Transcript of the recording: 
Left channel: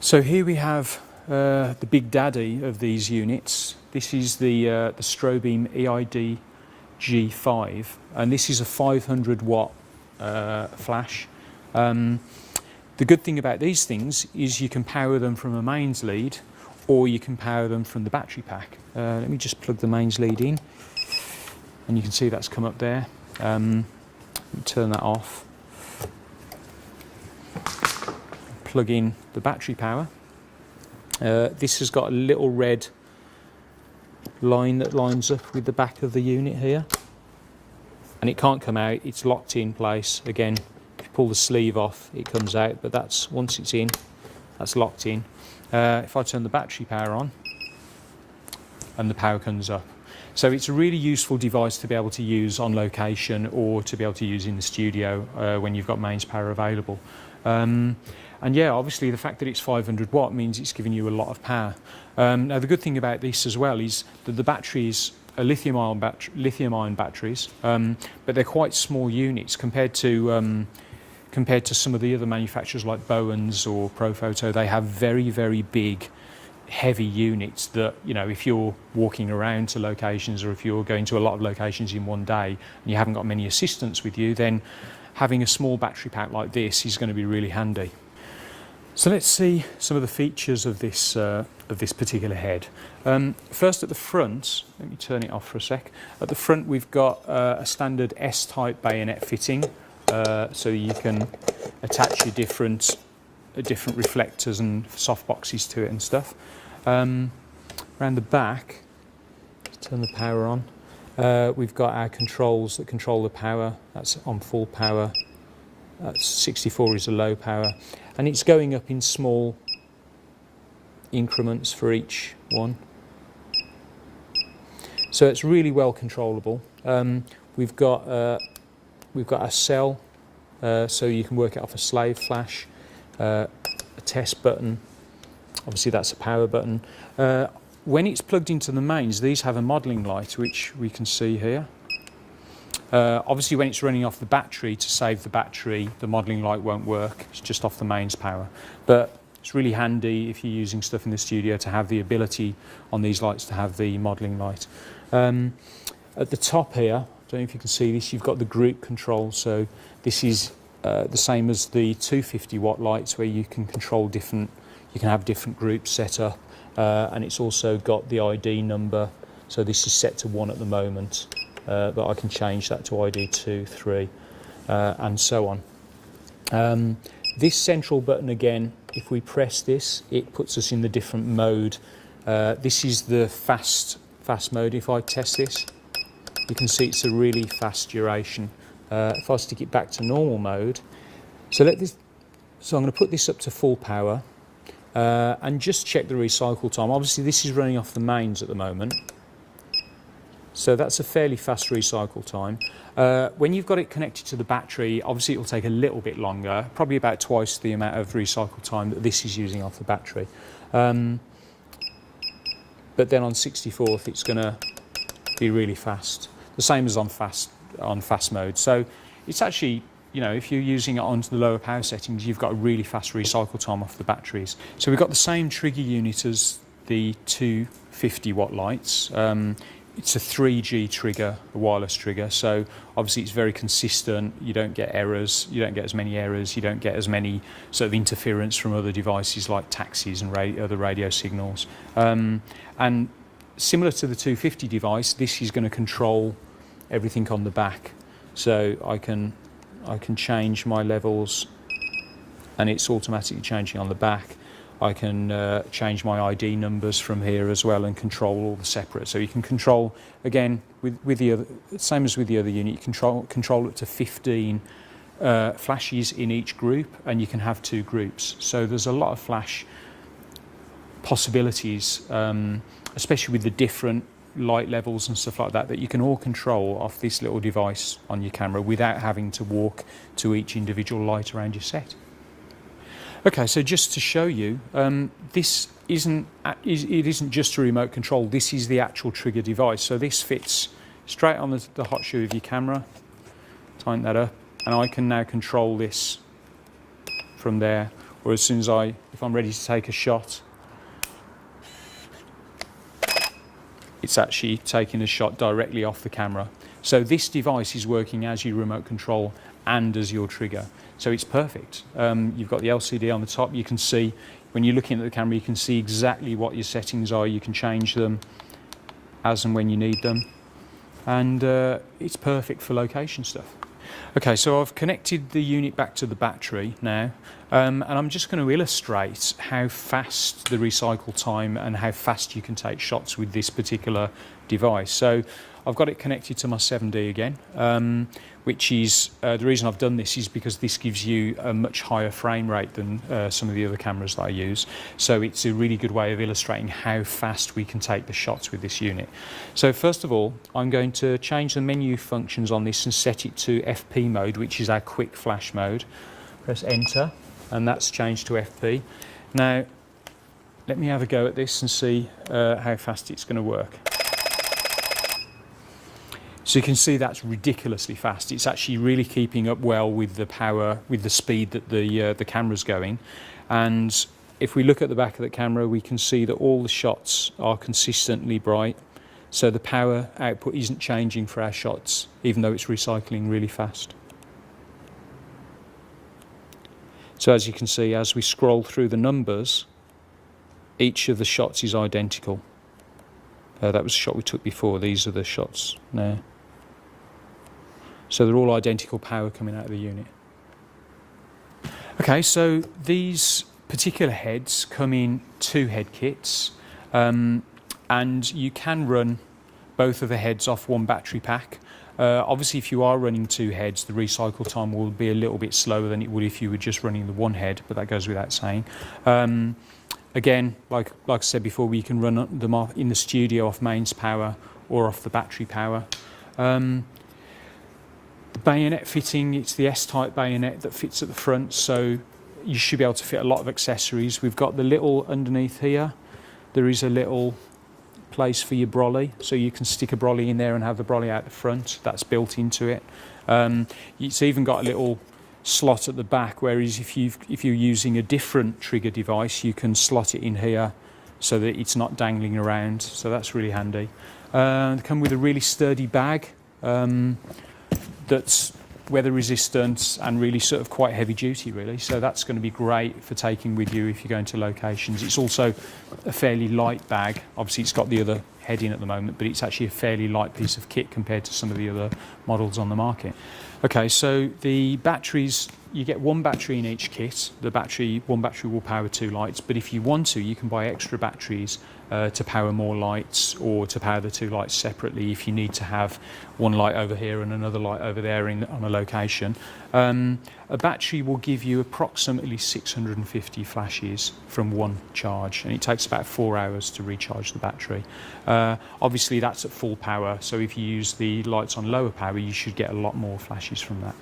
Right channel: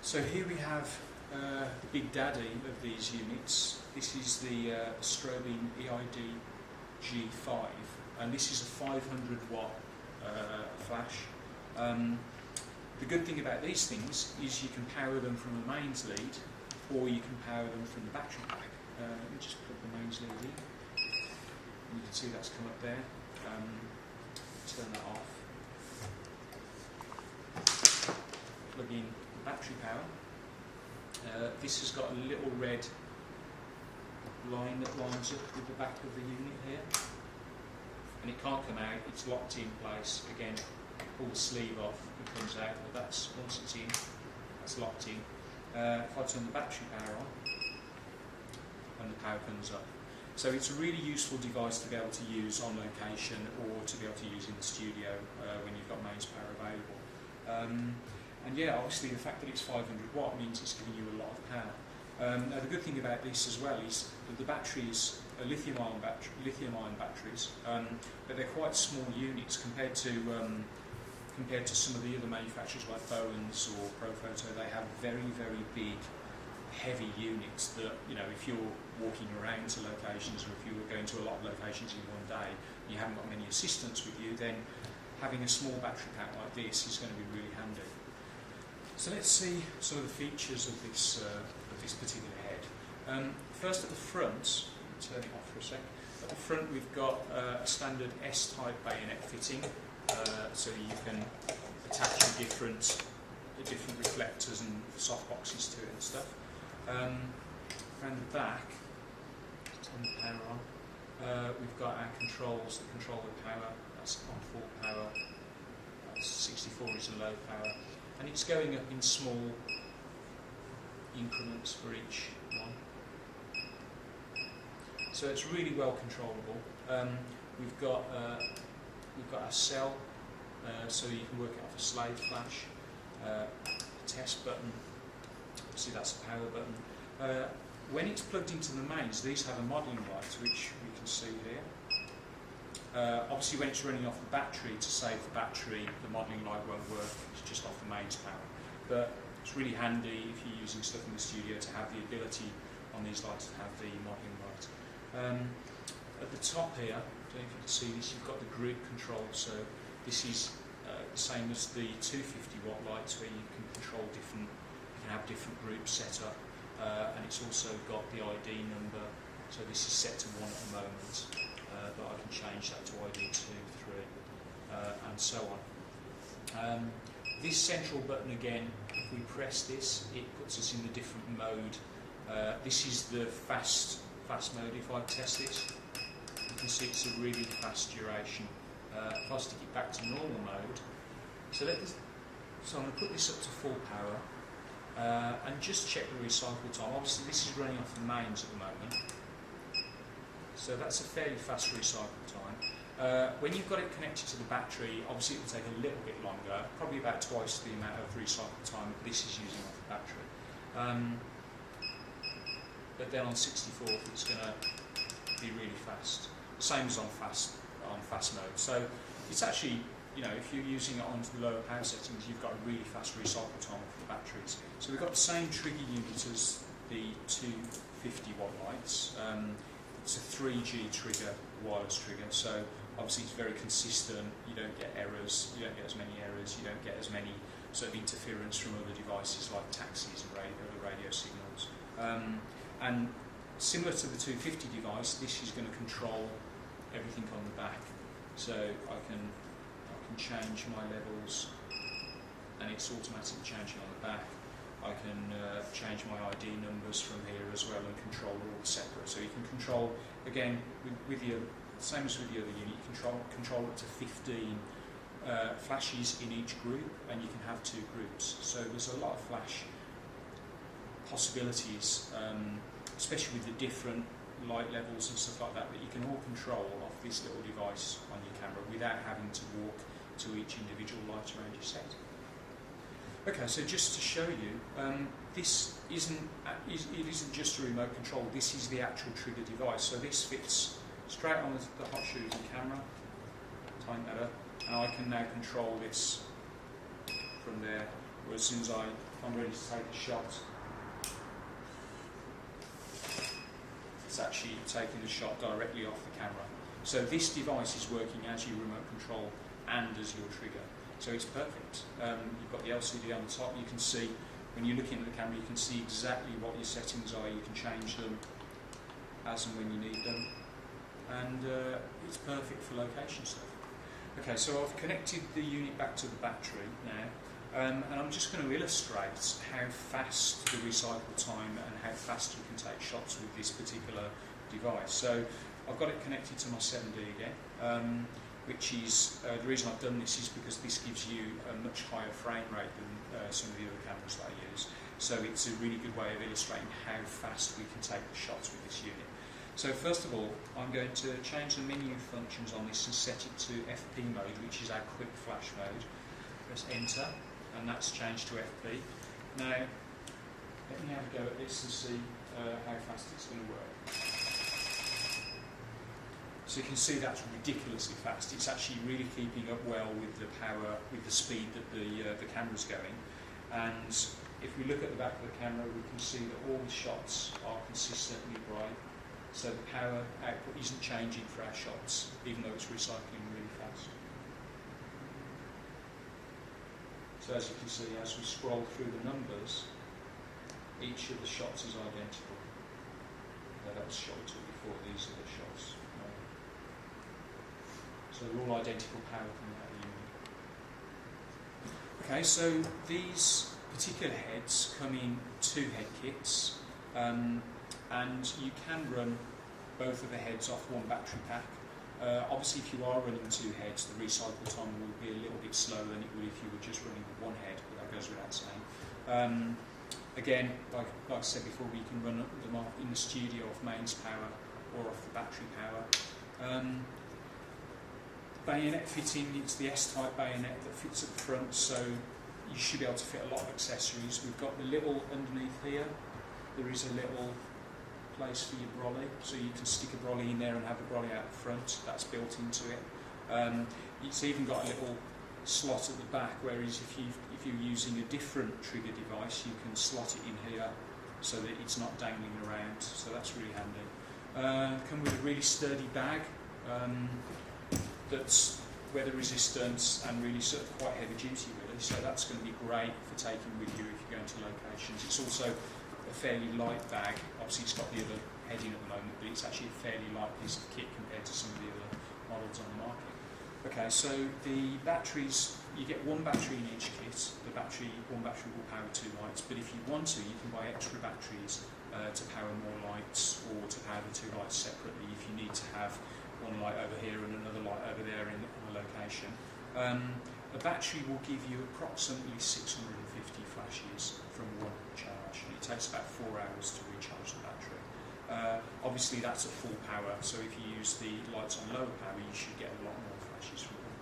So here we have the big daddy of these units. This is the Strobeam EID G-5, and this is a 500 watt flash. The good thing about these things is you can power them from a mains lead, or you can power them from the battery pack. Let me just plug the mains lead in, and you can see that's come up there. Let me turn that off. Plug in the battery power. This has got a little red line that lines up with the back of the unit here, and it can't come out, it's locked in place. Again, if you pull the sleeve off, it comes out, but that's, once it's in, that's locked in. If I turn the battery power on, and the power comes up. So it's a really useful device to be able to use on location, or to be able to use in the studio when you've got mains power available. And yeah, obviously the fact that it's 500 watt means it's giving you a lot of power. Now the good thing about this as well is that the batteries are lithium-ion batteries, but they're quite small units compared to some of the other manufacturers like Bowens or Profoto. They have very, very big, heavy units that, you know, if you're walking around to locations, or if you're going to a lot of locations in one day and you haven't got many assistants with you, then having a small battery pack like this is going to be really handy. So let's see some of the features of this particular head. First, at the front, let me turn it off for a sec. At the front, we've got a standard S-type bayonet fitting, so you can attach your different reflectors and softboxes to it and stuff. Around the back, turn the power on. We've got our controls that control the power. That's on full power. That's 64 is a low power, and it's going up in small increments for each one. So it's really well controllable. We've got a cell, so you can work it off a slave flash, a test button. Obviously that's a power button. When it's plugged into the mains, these have a modelling light, which we can see here. Obviously when it's running off the battery, to save the battery, the modelling light won't work. It's just off the mains power. But it's really handy if you're using stuff in the studio to have the ability on these lights to have the modelling light. At the top here, I don't know if you can see this, you've got the group control. So this is the same as the 250 watt lights, where you can control different, you can have different groups set up, and it's also got the ID number. So this is set to 1 at the moment. But I can change that to ID 2, 3, and so on. This central button, again, if we press this, it puts us in the different mode. This is the fast mode. If I test this, you can see it's a really fast duration. If I stick it back to normal mode, so I'm going to put this up to full power and just check the recycle time. Obviously this is running off the mains at the moment, so that's a fairly fast recycle time. When you've got it connected to the battery, obviously it'll take a little bit longer, probably about twice the amount of recycle time that this is using off the battery. But then on 64th, it's going to be really fast, the same as on fast mode. So it's actually, you know, if you're using it onto the lower power settings, you've got a really fast recycle time off the batteries. So we've got the same trigger unit as the 250 watt lights. It's a 3G trigger, a wireless trigger, so obviously it's very consistent. You don't get errors, you don't get as many errors, you don't get as many sort of interference from other devices like taxis and other radio signals. And similar to the 250 device, this is going to control everything on the back. So I can change my levels, and it's automatically changing on the back. I can change my ID numbers from here as well, and control all the separate. So you can control, again, with the other, same as with the other unit, you control up to 15 flashes in each group, and you can have 2 groups. So there's a lot of flash possibilities, especially with the different light levels and stuff like that, that you can all control off this little device on your camera without having to walk to each individual light around your set. Okay, so just to show you, this isn't just a remote control, this is the actual trigger device. So this fits straight on the hot shoe of your camera, tighten that up, and I can now control this from there, or as soon as if I'm ready to take a shot, it's actually taking a shot directly off the camera. So this device is working as your remote control and as your trigger. So it's perfect. You've got the LCD on the top. You can see, when you're looking at the camera, you can see exactly what your settings are. You can change them as and when you need them. And it's perfect for location stuff. Okay, so I've connected the unit back to the battery now. And I'm just going to illustrate how fast the recycle time and how fast you can take shots with this particular device. So I've got it connected to my 7D again, which is, the reason I've done this is because this gives you a much higher frame rate than some of the other cameras that I use. So it's a really good way of illustrating how fast we can take the shots with this unit. So first of all, I'm going to change the menu functions on this and set it to FP mode, which is our quick flash mode. Press enter, and that's changed to FP. Now, let me have a go at this and see how fast it's going to work. So you can see that's ridiculously fast. It's actually really keeping up well with the power, with the speed that the camera's going. And if we look at the back of the camera, we can see that all the shots are consistently bright. So the power output isn't changing for our shots, even though it's recycling really fast. So as you can see, as we scroll through the numbers, each of the shots is identical. That was a shot we took before. These are the shots now. So they're all identical power coming out of the unit. Okay, so these particular heads come in 2 head kits, and you can run both of the heads off one battery pack. Obviously, if you are running 2 heads, the recycle time will be a little bit slower than it would if you were just running the 1 head, but that goes without saying. Again, like I said before, we can run them off in the studio off mains power or off the battery power. The bayonet fitting, it's the S-type bayonet that fits at the front, so you should be able to fit a lot of accessories. We've got the little underneath here. There is a little place for your brolly, so you can stick a brolly in there and have the brolly out the front. That's built into it. It's even got a little slot at the back, whereas if you're using a different trigger device, you can slot it in here so that it's not dangling around. So that's really handy. They come with a really sturdy bag that's weather resistant and really sort of quite heavy duty, really. So that's going to be great for taking with you if you're going to locations. It's also a fairly light bag. Obviously it's got the other head in at the moment, but it's actually a fairly light piece of kit compared to some of the other models on the market. Okay, so the batteries, you get 1 battery in each kit. One battery will power 2 lights, but if you want to, you can buy extra batteries to power more lights, or to power the 2 lights separately if you need to have 1 light over here and another light over there on a location. A battery will give you approximately 650 flashes from 1 charge, and it takes about 4 hours to recharge the battery. Obviously that's at full power, so if you use the lights on lower power, you should get a lot more flashes from that.